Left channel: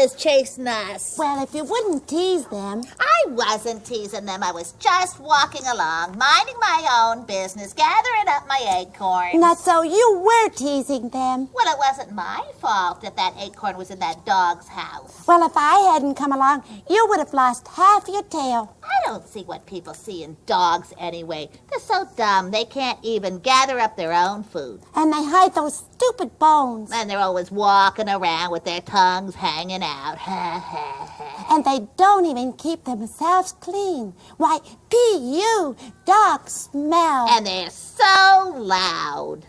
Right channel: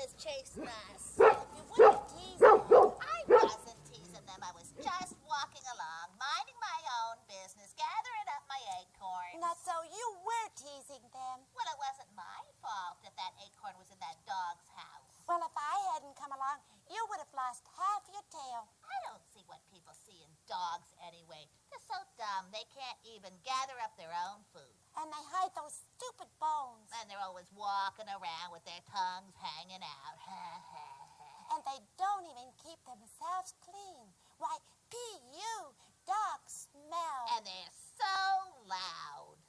always chasing us? Well, if you wouldn't tease them. I wasn't teasing them. I was just walking along, minding my own business, gathering up my acorns. Not so you were teasing them. Well, it wasn't my fault if that acorn was in that dog's house. Well, if I hadn't come along, you would have lost half your tail. I don't see what people see in dogs anyway. They're so dumb they can't even gather up their own food. And they hide those stupid bones. And they're always walking around with their tongues hanging out. Ha, ha, ha. And they don't even keep themselves clean. Why, P.U., dogs smell. And they're so loud.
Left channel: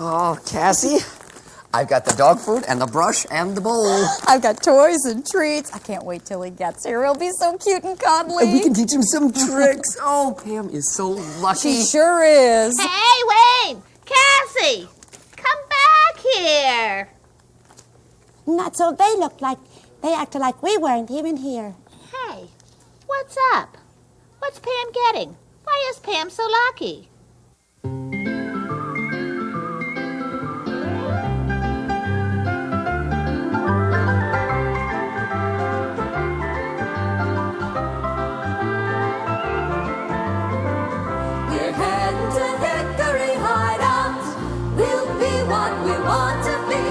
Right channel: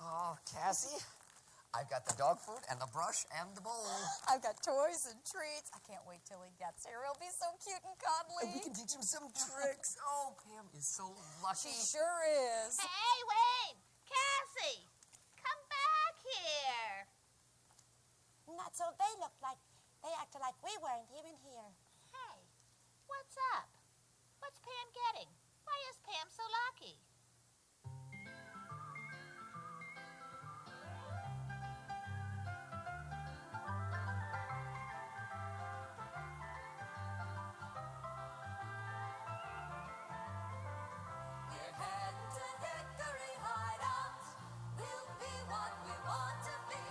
Oh, Cassie, I've got the dog food and the brush and the bowl. I've got toys and treats. I can't wait till he gets here. He'll be so cute and cuddly. And we can teach him some tricks. Oh, Pam is so lucky. She sure is. Hey, Wayne! Cassie! Come back here! Not so they acted like we weren't even here. Hey, what's up? What's Pam getting? Why is Pam so lucky? We're heading to Hickory Hideout. We'll be what we want to be.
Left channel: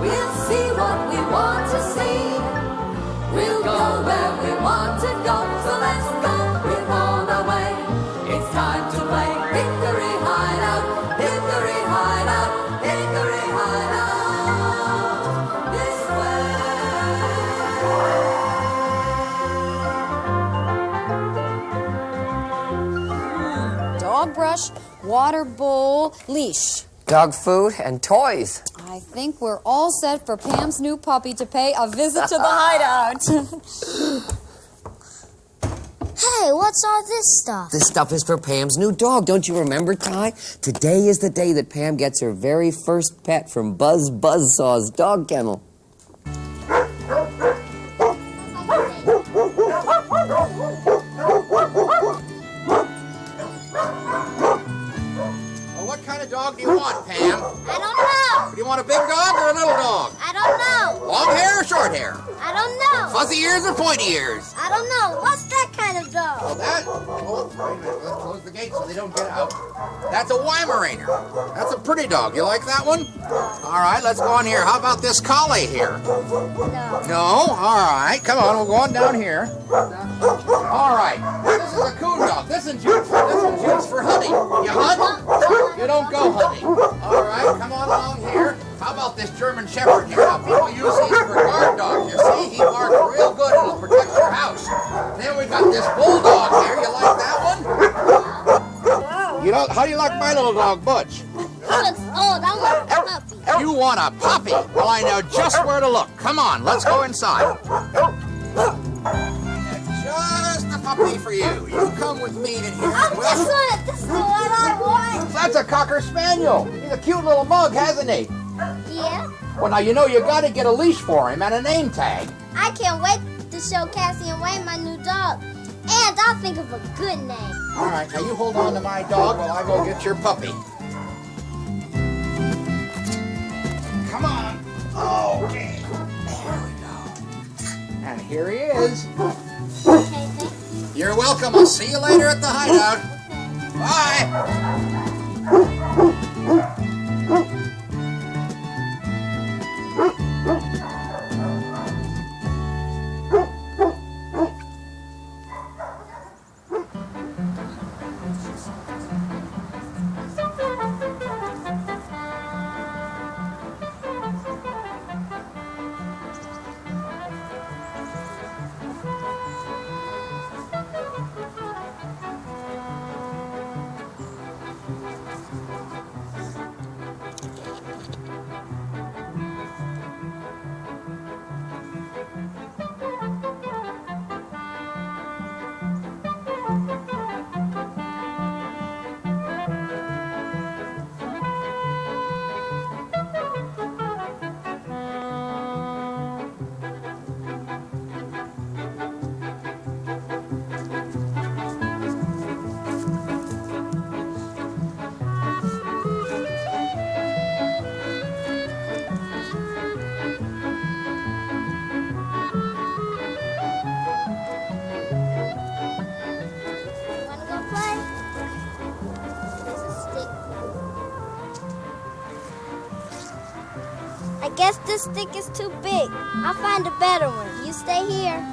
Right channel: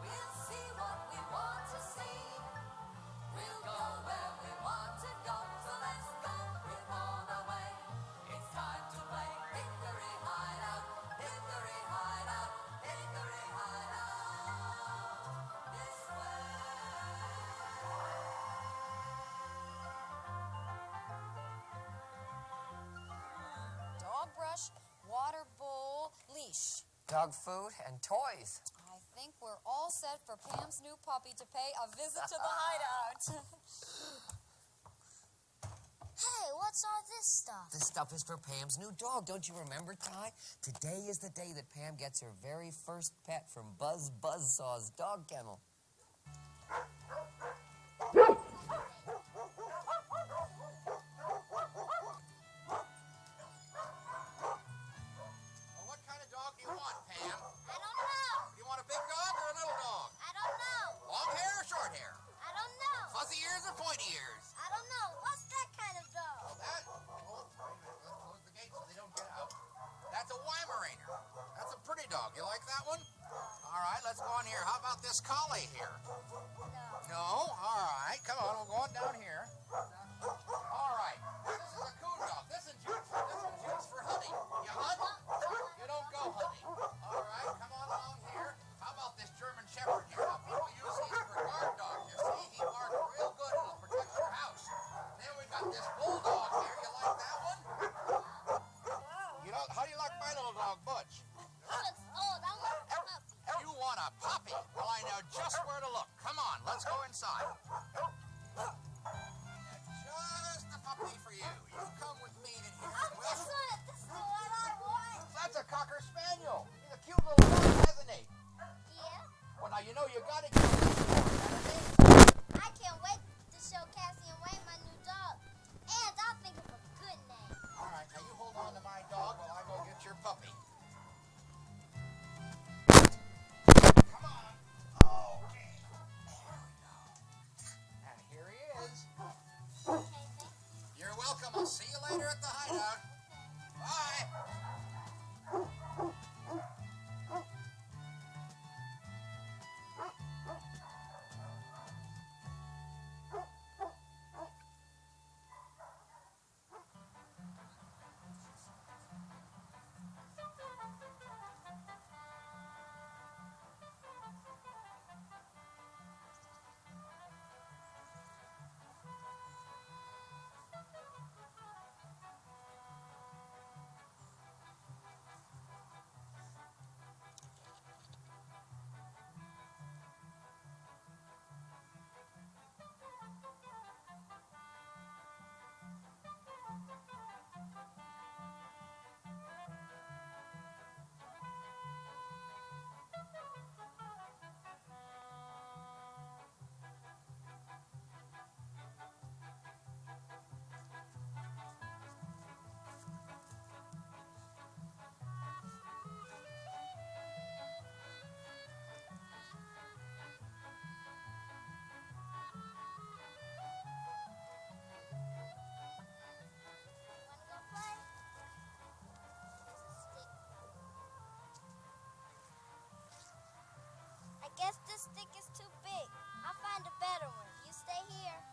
We'll see what we want to see. We'll go where we want to go. So let's go. We're on our way. It's time to play Hickory Hideout. Hickory Hideout. Hickory Hideout. This way. Dog brush, water bowl, leash. Dog food and toys. I think we're all set for Pam's new puppy to pay a visit to the hideout. Hey, what's all this stuff? This stuff is for Pam's new dog. Don't you remember, Ty? Today is the day that Pam gets her very first pet from Buzz Buzzsaw's dog kennel. Well, what kind of dog do you want, Pam? I don't know. Do you want a big dog or a little dog? I don't know. Long hair or short hair? I don't know. Fuzzy ears or pointy ears? I don't know. What's that kind of Well, dog? that... Oh, wait a minute. Let's close the gate so they don't get out. That's a Weimaraner. That's a pretty dog. You like that one? All right, let's go on here. How about this collie here? No. No? All right. Come on, we'll go on down here. All right. This is a coon dog. This one's used for hunting. You hunt? You don't go hunting. All right, come on along here. How about this German Shepherd here? Now, people use these for guard dogs. You see, he barks real good. It'll protect your house. Then we got this bulldog here. You like that one? You know, how do you like my little dog, Butch? He looks old. I want a puppy. You want a puppy? Well, I know just where to look. Come on, let's go inside. Just a puppy for you. You come with me in here. This is the one I want. That's a Cocker Spaniel. He's a cute little mug, hasn't he? Yeah. Well, now you know you got to get a leash for him and a name tag. I can't wait to show Cassie and Wayne my new dog. And I'll think of a good name. All right, now you hold on to my dog while I go get your puppy. Come on. Okay. There we go. And here he is. Okay, thank you. You're welcome. I'll see you later at the hideout. Bye. guess this stick is too big. I'll find a better one. You stay here.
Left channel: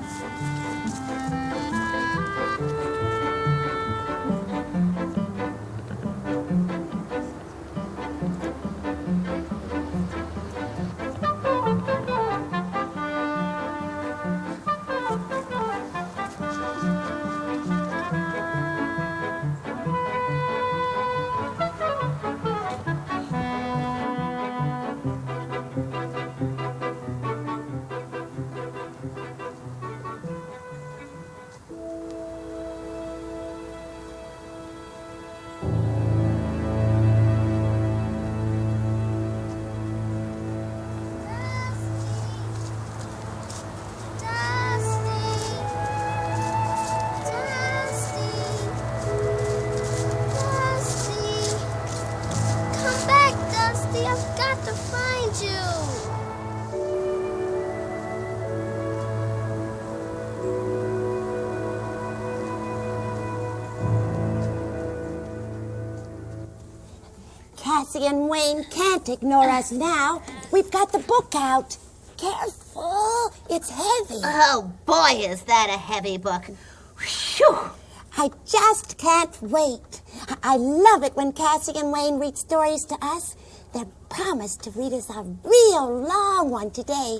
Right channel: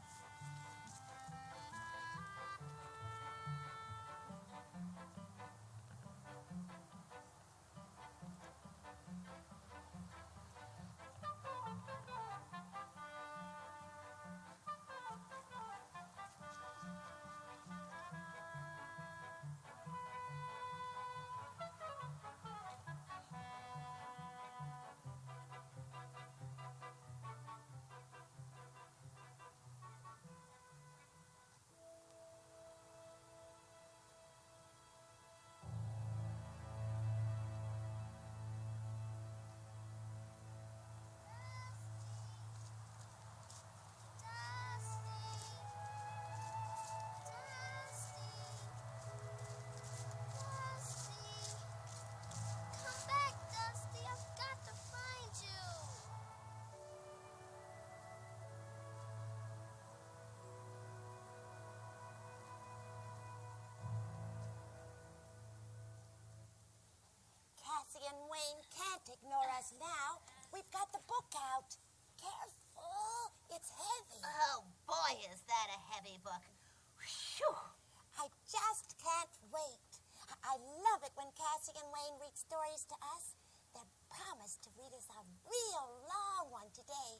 Cassie and Wayne can't ignore us now. We've got the book out. Careful, it's heavy. Oh, boy, is that a heavy book. Phew. I just can't wait. I love it when Cassie and Wayne read stories to us. They're promised to read us a real long one today.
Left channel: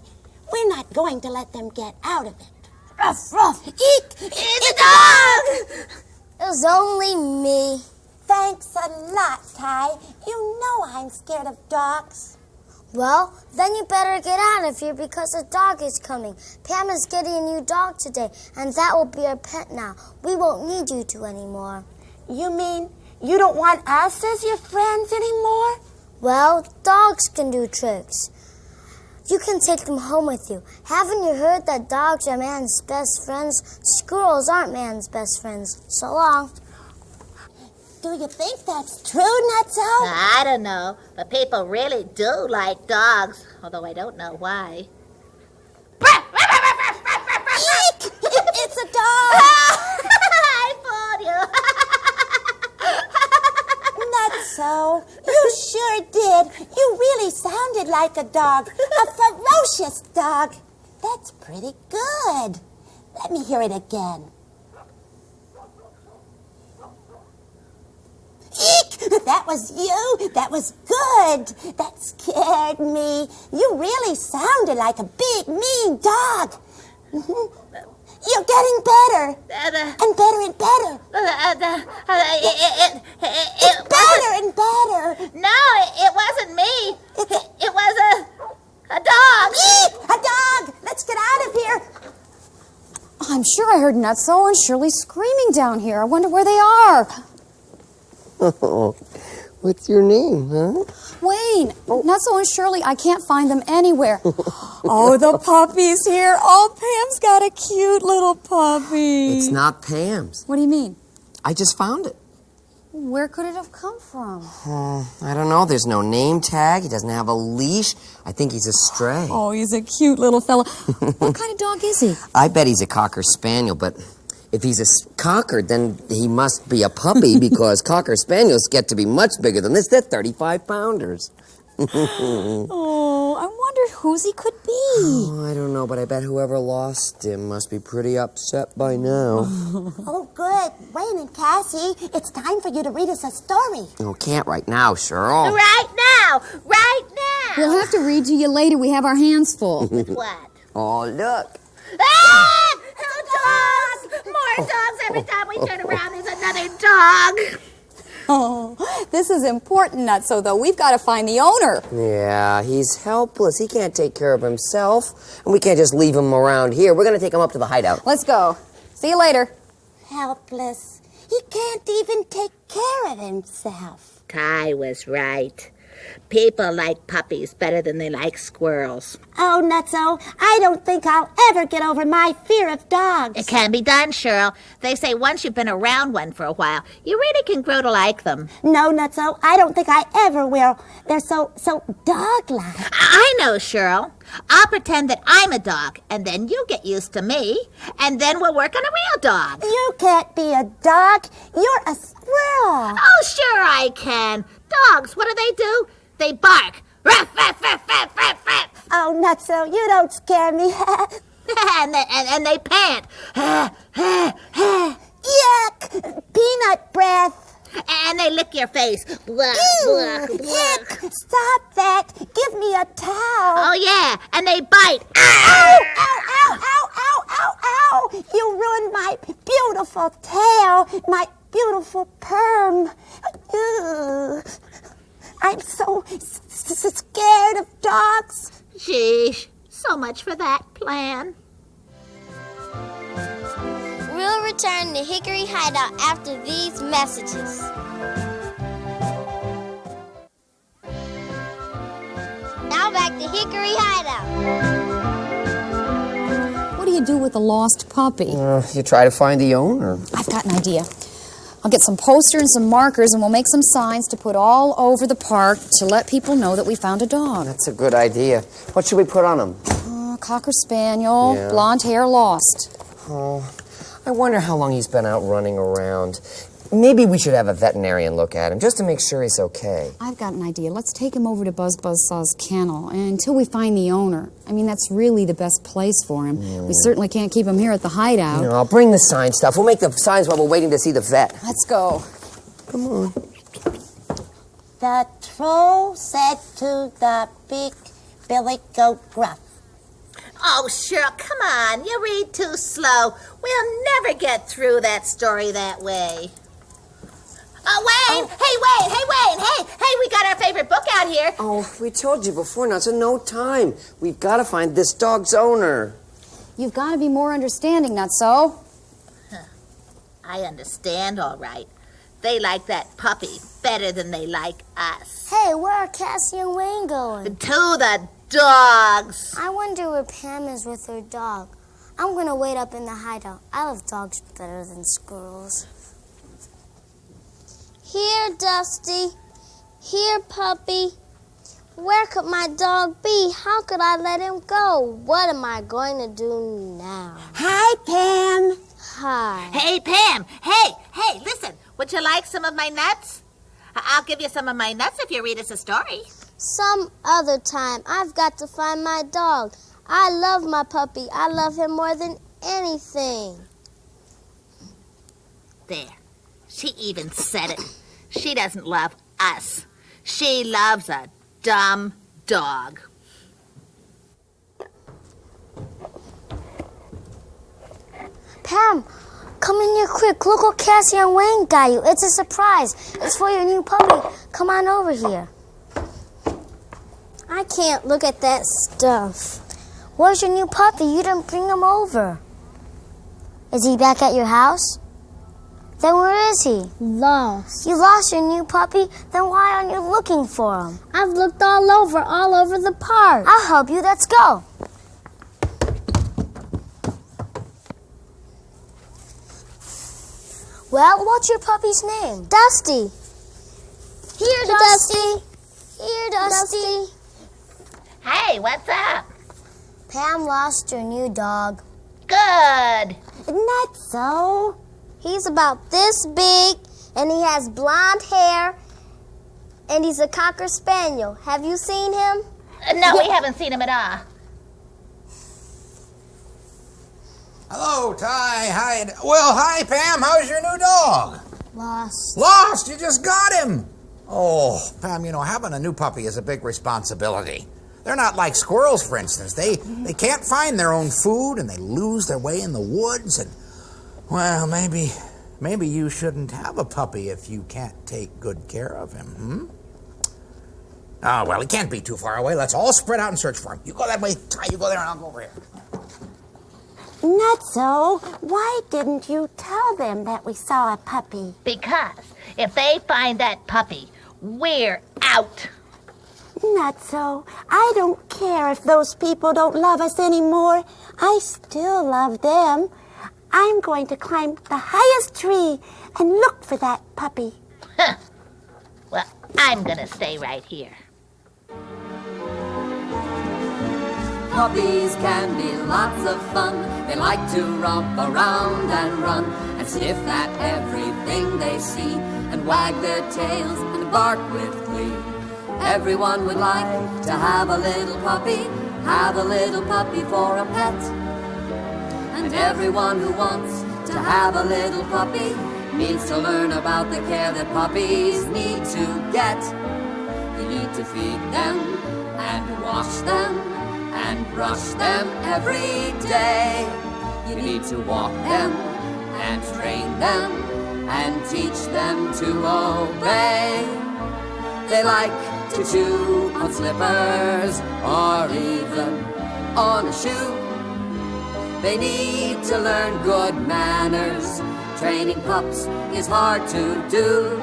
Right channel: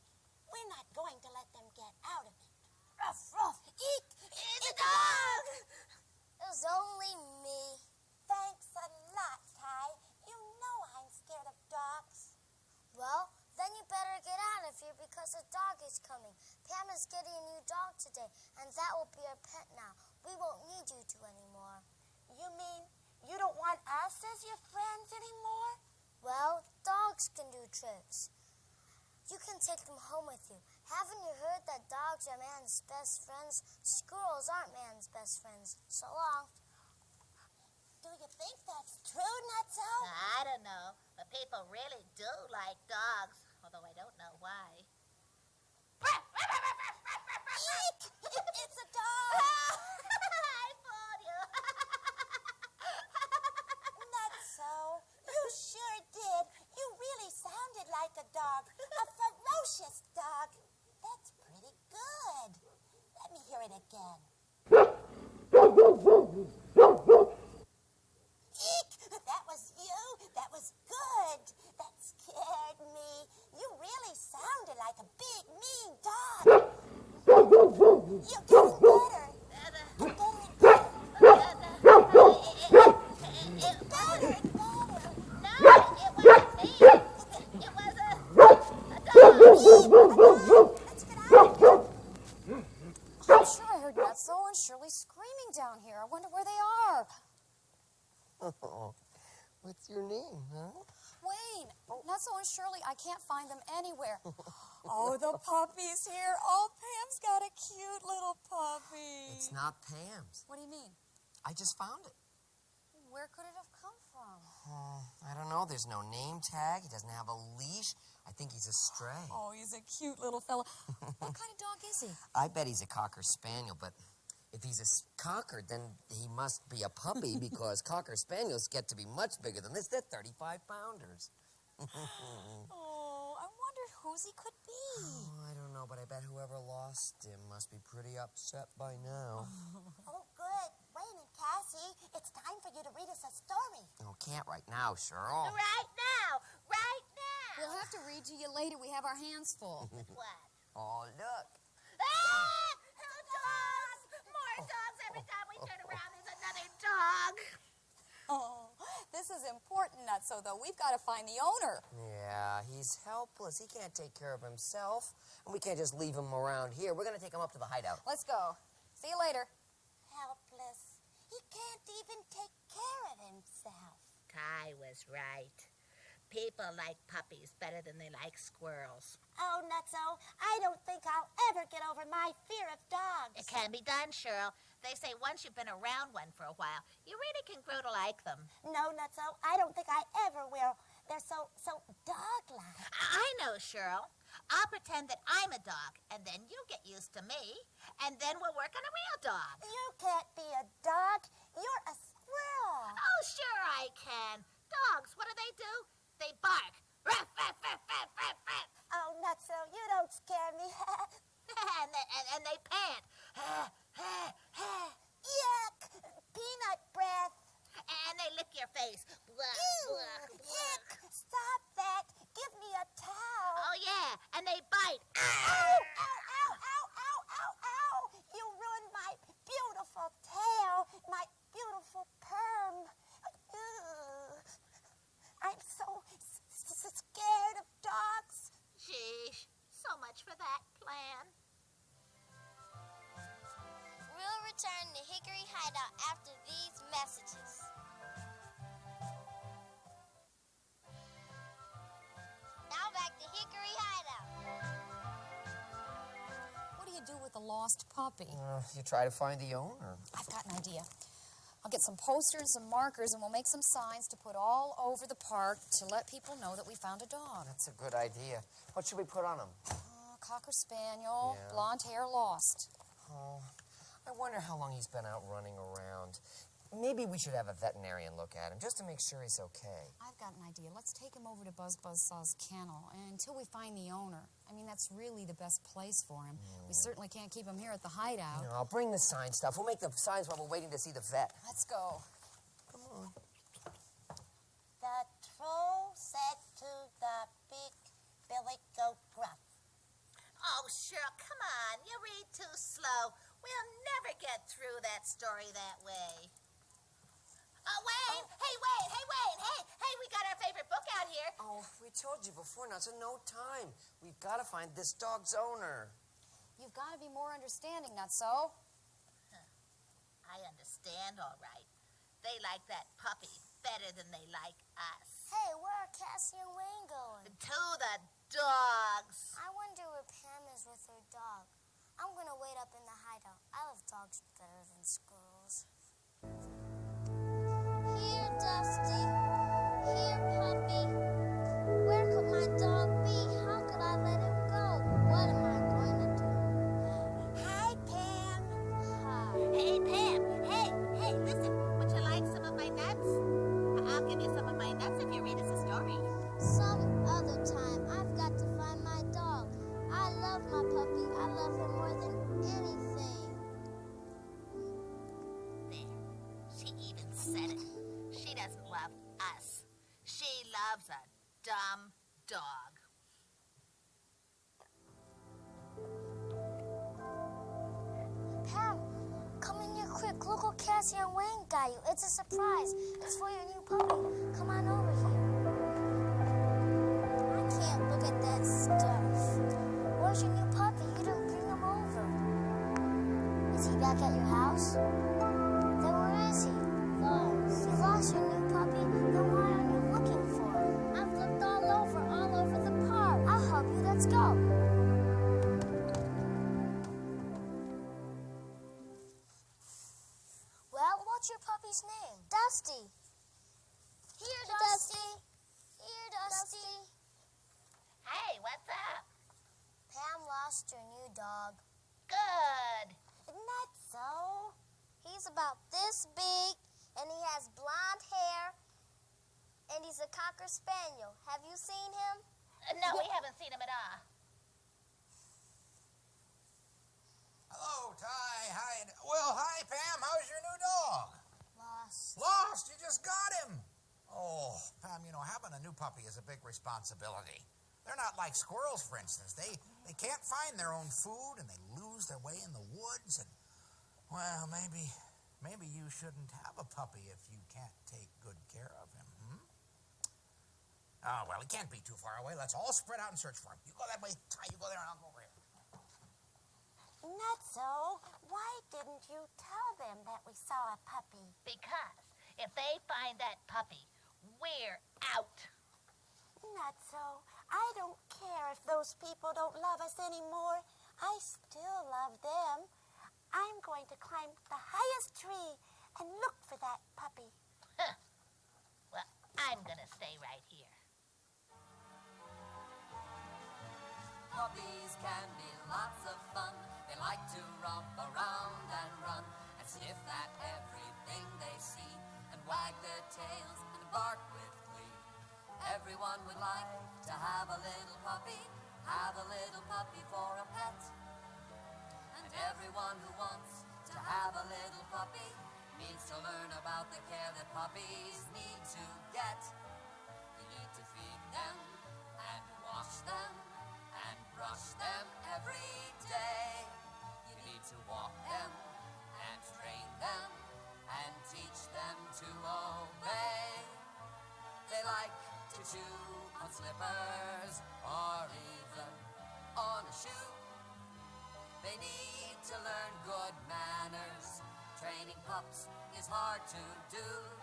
We're not going to let them get out of it. Ruff, ruff. Eek! It's a dog! It was only me. Thanks a lot, Ty. You know I'm scared of dogs. Well, then you better get out of here because a dog is coming. Pam is getting a new dog today, and that will be our pet now. We won't need you two anymore. You mean you don't want us as your friends anymore? Well, dogs can do tricks. You can take them home with you. Haven't you heard that dogs are man's best friends? Squirrels aren't man's best friends. So long. Do you think that's true, Nutso? I don't know, but people really do like dogs, although I don't know why. Eek! It's a dog! I fooled you. Nutso, you sure did. You really sounded like a dog. A ferocious dog. That's pretty good. Let me hear it again. Eek! That was you. That was good. That scared me. You really sounded like a big, mean dog. You're getting better. And better and better. Better and better. No, it wasn't me. It was a dog. Eek! A dog. Let's get out of here. I'm sure I heard Nutso and Shirley screaming down here. I wonder where they are. Oh, what's your name, huh? Wayne, Nutso and Shirley, I can't find them anywhere. Oh, the puppy's here. Oh, Pam's got a cute little puppy. It's not Pam's. What do you mean? I just found it. Where could it have come from? I don't know. There's no name tag. He doesn't have a leash. I think he's a stray. Oh, he's a cute little fella. What kind of dog is he? I bet he's a Cocker Spaniel, but if he's a Cocker, then he must be a puppy because Cocker Spaniels get to be much bigger than this. They're 35-pounders. Oh, I wondered whose he could be. Oh, I don't know, but I bet whoever lost him must be pretty upset by now. Oh, good. Wayne and Cassie, it's time for you to read us a story. Oh, can't right now, Cheryl. Right now. Right now. We'll have to read to you later. We have our hands full. What? Oh, look. Ah! Dogs! More dogs every time we turn around. There's another dog. Oh, this is important, Nutso, though. We've got to find the owner. Yeah, he's helpless. He can't take care of himself. And we can't just leave him around here. We're going to take him up to the hideout. Let's go. See you later. Helpless. He can't even take care of himself. Ty was right. People like puppies better than they like squirrels. Oh, Nutso, I don't think I'll ever get over my fear of dogs. It can be done, Cheryl. They say once you've been around one for a while, you really can grow to like them. No, Nutso, I don't think I ever will. They're so dog-like. I know, Cheryl. I'll pretend that I'm a dog, and then you get used to me, and then we'll work on a real dog. You can't be a dog. You're a squirrel. Oh, sure I can. Dogs, what do? They bark. Ruff, ruff, ruff, ruff, ruff, ruff. Oh, Nutso, you don't scare me. and they pant. Yuck! Peanut breath. And they lick your face. Blah, Ew! blah, blah. Yuck! Stop that! Give me a towel. Oh, yeah, and they bite. Ow! Ow! Ow! Ow! Ow! Ow! Ow! You ruined my beautiful tail, my beautiful perm. Ugh. I'm so scared of dogs. Sheesh, so much for that plan. We'll return to Hickory Hideout after these messages. Now back to Hickory Hideout. What do you do with a lost puppy? You try to find the owner. I've got an idea. I'll get some posters and some markers, and we'll make some signs to put all over the park to let people know that we found a dog. That's a good idea. What should we put on him? Cocker Spaniel, Yeah. blonde hair, lost. Oh, I wonder how long he's been out running around. Maybe we should have a veterinarian look at him just to make sure he's okay. I've got an idea. Let's take him over to Buzz Buzzsaw's kennel and until we find the owner. I mean, that's really the best place for him. We certainly can't keep him here at the hideout. You know, I'll bring the sign stuff. We'll make the signs while we're waiting to see the vet. Let's go. Come on. The troll said to the big billy goat gruff. Oh, Cheryl, come on. You read too slow. We'll never get through that story that way. Oh, Wayne! Hey, Wayne! Hey, Wayne! Hey, we got our favorite book out here. Oh, we told you before, now, so no time. We've got to find this dog's owner. You've got to be more understanding, Nutso. I understand, all right. They like that puppy better than they like us. Hey, where are Cassie and Wayne going? To the dogs. I wonder where Pam is with her dog. I'm gonna wait up in the hideout. I love dogs better than squirrels. Here, Dusty. Here, puppy. Where could my dog be? How could I let him go? What am I going to do now? Hi, Pam. Hi. Hey, Pam. Hey, listen. Would you like some of my nuts? I'll give you some of my nuts if you read us a story. Some other time, I've got to find my dog. I love my puppy. I love him more than anything. There. She even said it. She doesn't love us. She loves a dumb dog. Pam, come in here quick. Look what Cassie and Wayne got you. It's a surprise. It's for your new puppy. Come on over here. I can't look at that stuff. Where's your new puppy? You didn't bring him over. Is he back at your house? Then where is he? Lost. You lost your new puppy? Then why aren't you looking for him? I've looked all over the park. I'll help you. Let's go. Well, what's your puppy's name? Dusty. Here, Dusty. Here, Dusty. Hey, what's up? Pam lost her new dog. Good. Not so. He's about this big, and he has blonde hair, and he's a Cocker Spaniel. Have you seen him? No, we haven't seen him at all. Hello, Ty. Hi. Well, hi, Pam. How's your new dog? Lost. Lost? You just got him. Oh, Pam, you know, having a new puppy is a big responsibility. They're not like squirrels, for instance. They can't find their own food, and they lose their way in the woods. And, well, maybe you shouldn't have a puppy if you can't take good care of him, Oh, well, he can't be too far away. Let's all spread out and search for him. You go that way, Ty. You go there, and I'll go over here. Not so. Why didn't you tell them that we saw a puppy? Because if they find that puppy, we're out. Not so. I don't care if those people don't love us anymore. I still love them. I'm going to climb the highest tree and look for that puppy. Well, I'm gonna stay right here. Puppies can be lots of fun. They like to romp around and run and sniff at everything they see and wag their tails and bark with glee. Everyone would like to have a little puppy for a pet. And everyone who wants to have a little puppy needs to learn about the care that puppies need to get. You need to feed them and wash them and brush them every day. You need to walk them and train them and teach them to obey. They like to chew on slippers or even on a shoe. They need to learn good manners. Training pups is hard to do.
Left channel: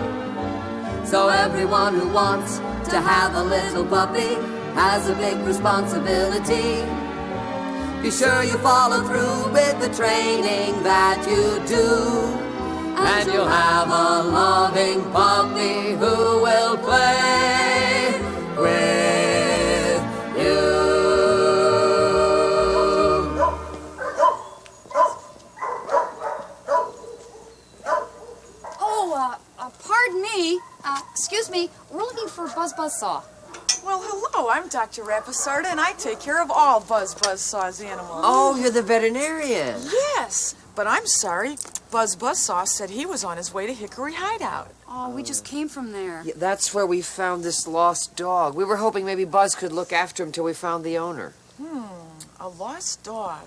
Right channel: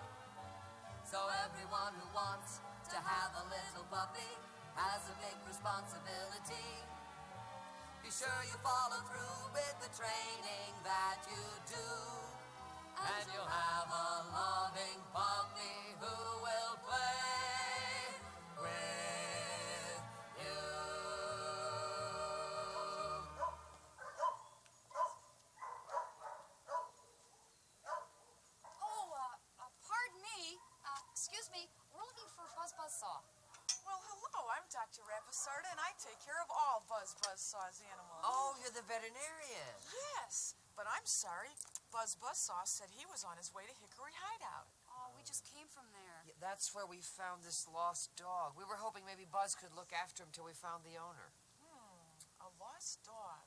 So everyone who wants to have a little puppy has a big responsibility. Be sure you follow through with the training that you do, and you'll have a loving puppy who will play with you. Pardon me. Excuse me. We're looking for Buzz Buzzsaw. Well, hello, I'm Dr. Rapisarda, and I take care of all Buzz Buzzsaw's animals. Oh, you're the veterinarian. Yes, but I'm sorry. Buzz Buzzsaw said he was on his way to Hickory Hideout. Oh, we just came from there. Yeah, that's where we found this lost dog. We were hoping maybe Buzz could look after him till we found the owner. A lost dog.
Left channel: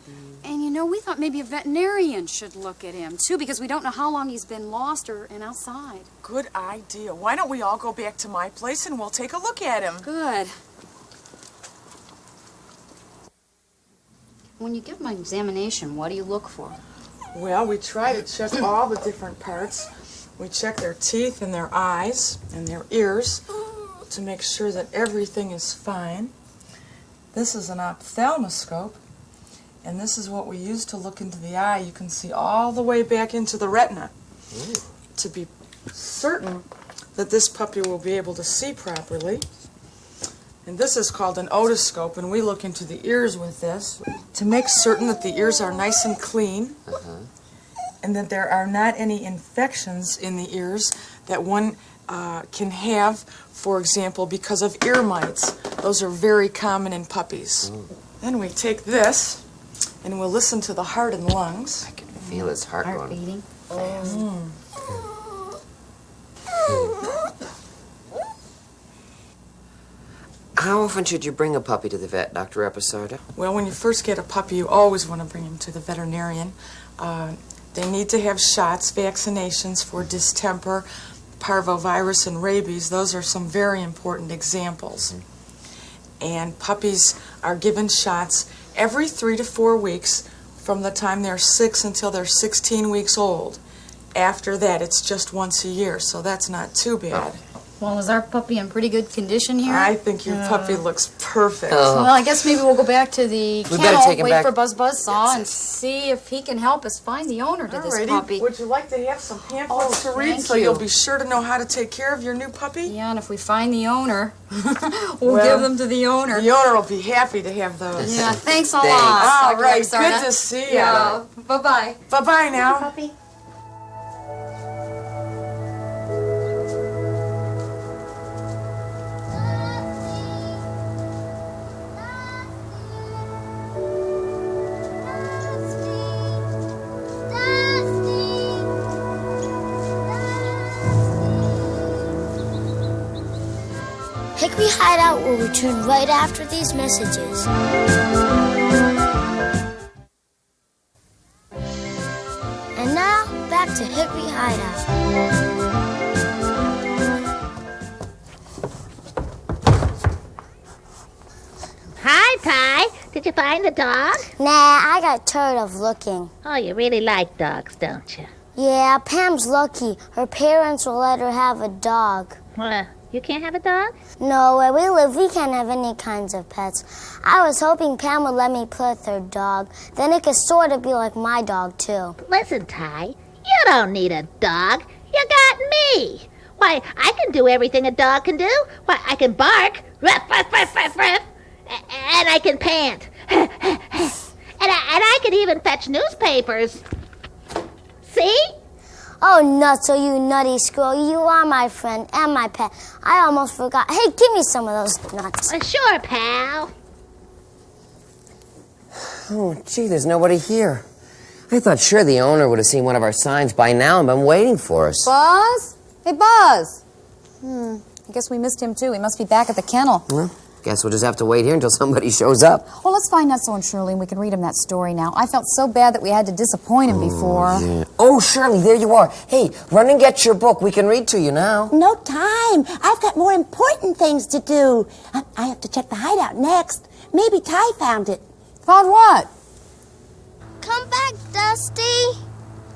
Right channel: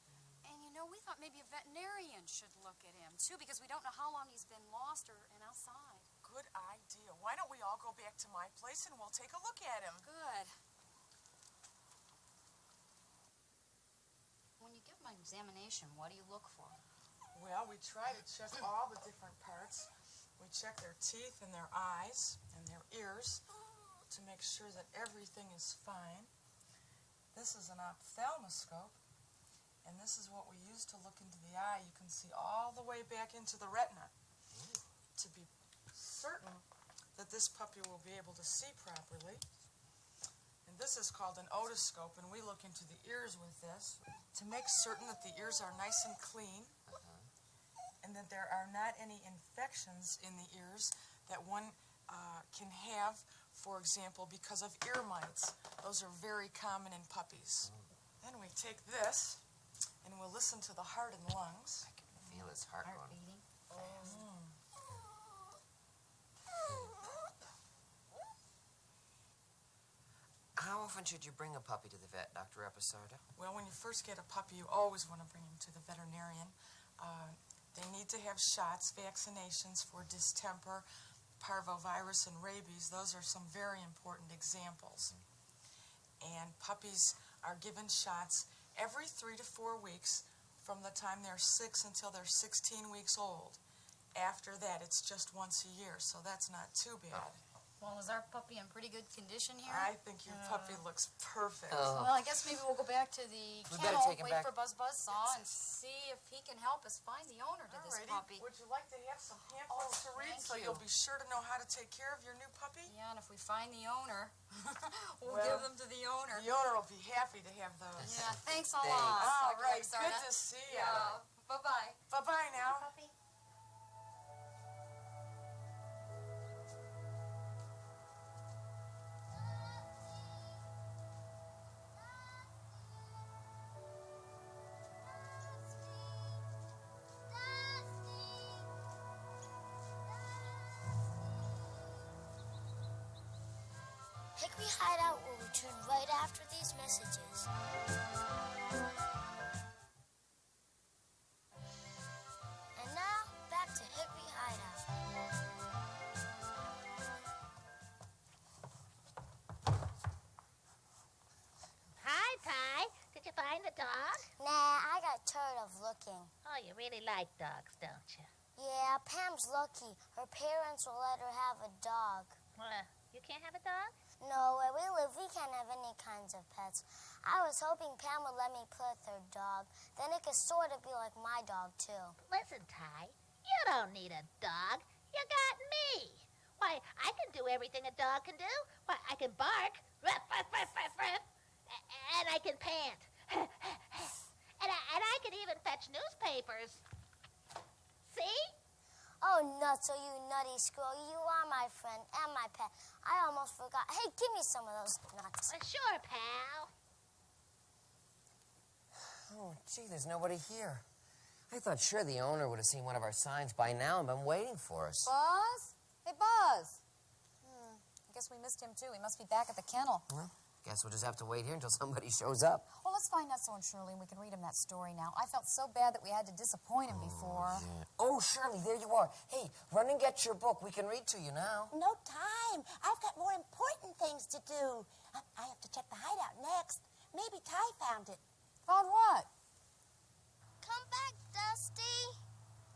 And you know, we thought maybe a veterinarian should look at him, too, because we don't know how long he's been lost and outside. Good idea. Why don't we all go back to my place and we'll take a look at him? Good. When you give him an examination, what do you look for? Well, we try to check all the different parts. We check their teeth and their eyes and their ears to make sure that everything is fine. This is an ophthalmoscope, and this is what we use to look into the eye. You can see all the way back into the retina to be certain that this puppy will be able to see properly. And this is called an otoscope, and we look into the ears with this to make certain that the ears are nice and clean and that there are not any infections in the ears that one can have, for example, because of ear mites. Those are very common in puppies. Then we take this and we'll listen to the heart and lungs. I can feel his heart going. Beating. How often should you bring a puppy to the vet, Dr. Episarda? Well, when you first get a puppy, you always want to bring him to the veterinarian. They need to have shots, vaccinations for distemper, parvovirus, and rabies. Those are some very important examples. And puppies are given shots every 3 to 4 weeks from the time they're 6 until they're 16 weeks old. After that, it's just once a year, so that's not too bad. Well, is our puppy in pretty good condition here? I think your puppy looks perfect. Well, I guess maybe we'll go back to the better kennel, take him wait back. for Buzz Buzzsaw, and see if he can help us find the owner to this Alrighty. puppy. Would you like to have some pamphlets to read thank so you. you'll be sure to know how to take care of your new puppy? Yeah, and if we find the owner, we'll Well, give them to the owner. The owner will be happy to have those. Yeah, thanks a Thanks. lot. All Dr. right, Episarda. good to see you. Yeah, bye-bye. Bye-bye now. Puppy. Hickory Hideout will return right after these messages. And now, back to Hickory Hideout. Hi, Pie. Did you find the dog? Nah, I got tired of looking. Oh, you really like dogs, don't you? Yeah, Pam's lucky. Her parents will let her have a dog. You can't have a dog? No, where we live, we can't have any kinds of pets. I was hoping Pam would let me play with her dog. Then it could sort of be like my dog, too. Listen, Ty, you don't need a dog. You got me. Why, I can do everything a dog can do. Why, I can bark, ruff, ruff, ruff, ruff, ruff, and I can pant. and I can even fetch newspapers. See? Oh, Nutso, you nutty squirrel. You are my friend and my pet. I almost forgot. Hey, give me some of those nuts. Sure, pal. Oh, gee, there's nobody here. I thought sure the owner would have seen one of our signs by now and been waiting for us. Buzz? Hey, Buzz. I guess we missed him, too. He must be back at the kennel. Well, guess we'll just have to wait here until somebody shows up. Well, let's find Nutso and Shirley, and we can read him that story now. I felt so bad that we had to disappoint him before. Yeah. Oh, Shirley, there you are. Hey, run and get your book. We can read to you now. No time. I've got more important things to do. I have to check the hideout next. Maybe Ty found it. Found what? Come back, Dusty.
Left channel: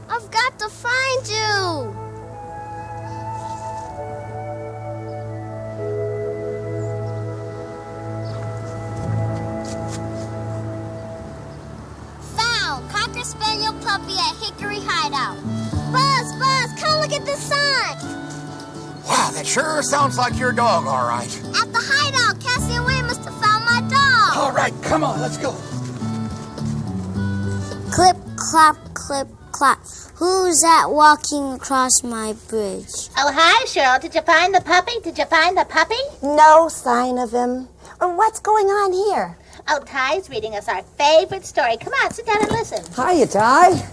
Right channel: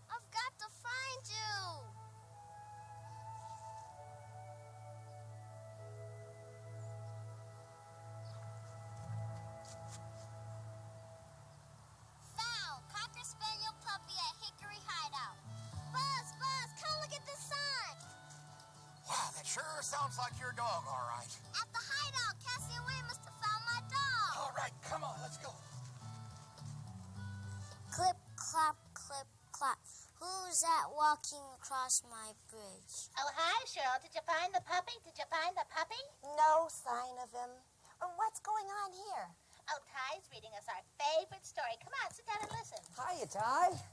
I've got to find you. Found Cocker Spaniel puppy at Hickory Hideout. Buzz, come look at this sign. Wow, that sure sounds like your dog, all right. At the hideout, Cassie and Wayne must have found my dog. All right, come on, let's go. Clip, clop, clip, clop. Who's that walking across my bridge? Oh, hi, Cheryl. Did you find the puppy? Did you find the puppy? No sign of him. What's going on here? Oh, Ty's reading us our favorite story. Come on, sit down and listen. Hiya, Ty.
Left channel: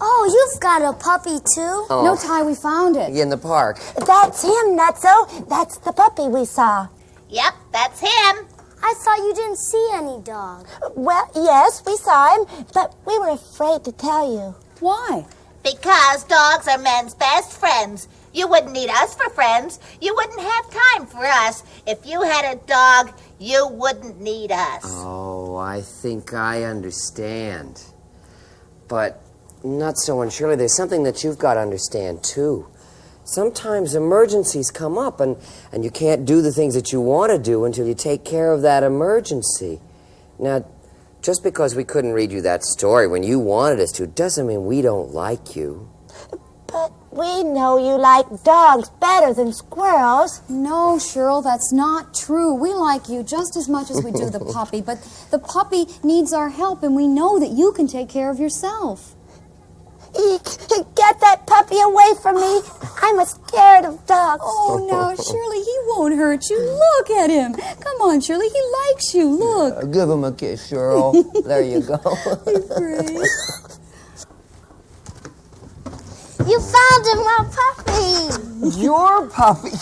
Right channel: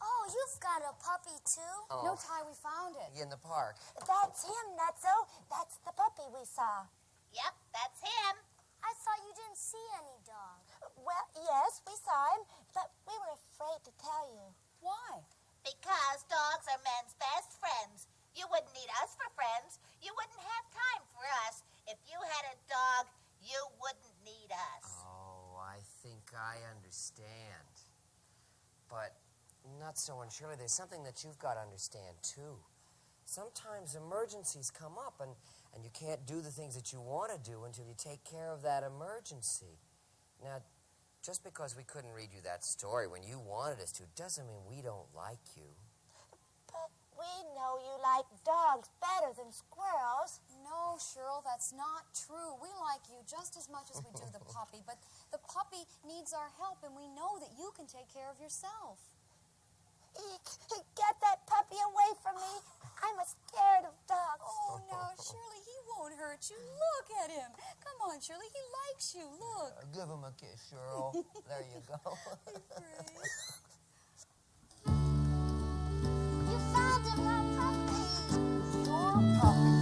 Oh, you've got a puppy too? Oh. No, Ty, we found it. In the park. That's him, Nutso. That's the puppy we saw. Yep, that's him. I thought you didn't see any dog. Well, yes, we saw him, but we were afraid to tell you. Why? Because dogs are men's best friends. You wouldn't need us for friends. You wouldn't have time for us. If you had a dog, you wouldn't need us. Oh, I think I understand. But Nutso and Shirley, there's something that you've got to understand, too. Sometimes emergencies come up, and you can't do the things that you want to do until you take care of that emergency. Now, just because we couldn't read you that story when you wanted us to doesn't mean we don't like you. But we know you like dogs better than squirrels. No, Cheryl, that's not true. We like you just as much as we do the puppy, but the puppy needs our help, and we know that you can take care of yourself. Eek, get that puppy away from me. I'm scared of dogs. Oh, no, Shirley, he won't hurt you. Look at him. Come on, Shirley, he likes you. Look. Give him a kiss, Cheryl. There you go. Great. You found him, my puppy. Your puppy?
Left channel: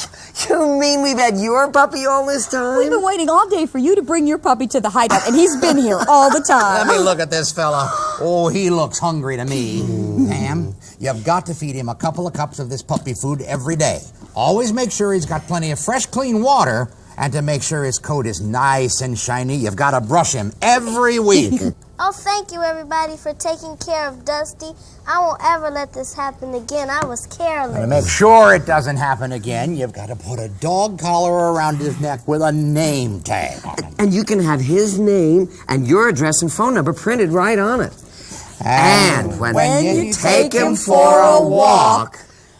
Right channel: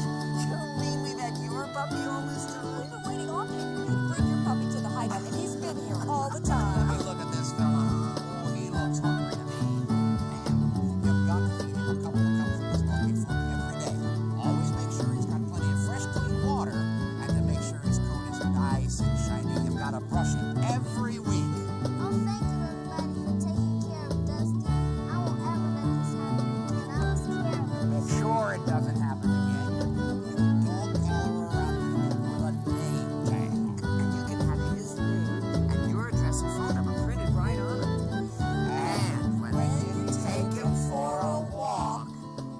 You mean we've had your puppy all this time? We've been waiting all day for you to bring your puppy to the hideout, and he's been here all the time. Let me look at this fella. Oh, he looks hungry to me. Pam, you've got to feed him a couple of cups of this puppy food every day. Always make sure he's got plenty of fresh, clean water, and to make sure his coat is nice and shiny, you've got to brush him every week. Oh, thank you, everybody, for taking care of Dusty. I won't ever let this happen again. I was careless. To make sure it doesn't happen again, you've got to put a dog collar around his neck with a name tag on it. And you can have his name and your address and phone number printed right on it. And when you take him for a walk,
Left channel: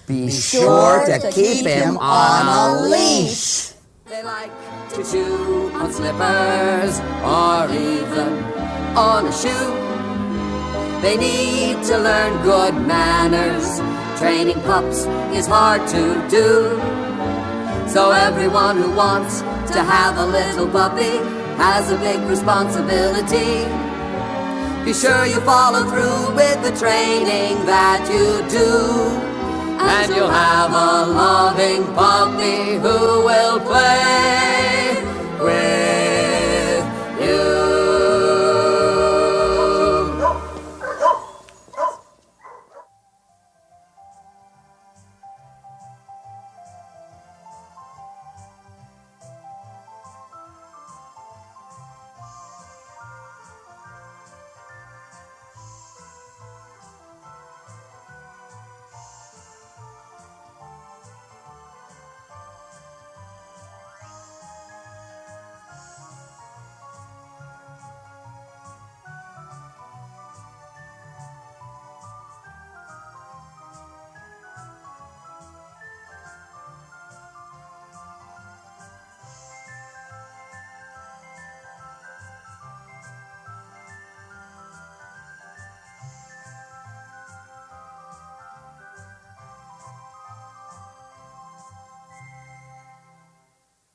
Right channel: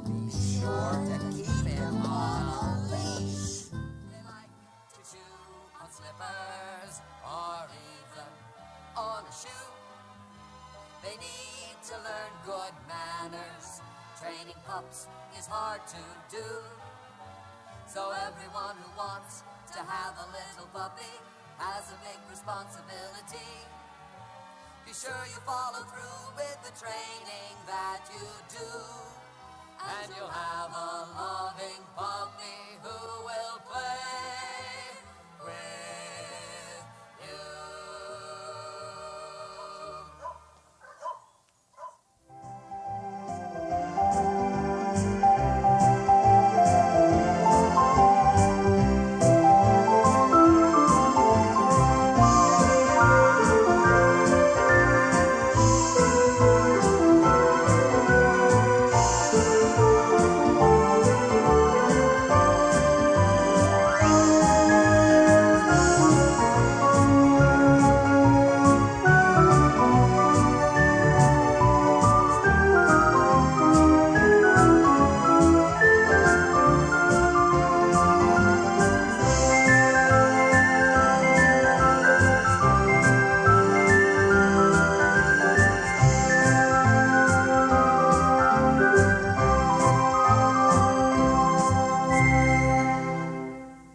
be sure to keep him on a leash. They like to chew on slippers or even on a shoe. They need to learn good manners. Training pups is hard to do. So everyone who wants to have a little puppy has a big responsibility. Be sure you follow through with the training that you do, and you'll have a loving puppy who will play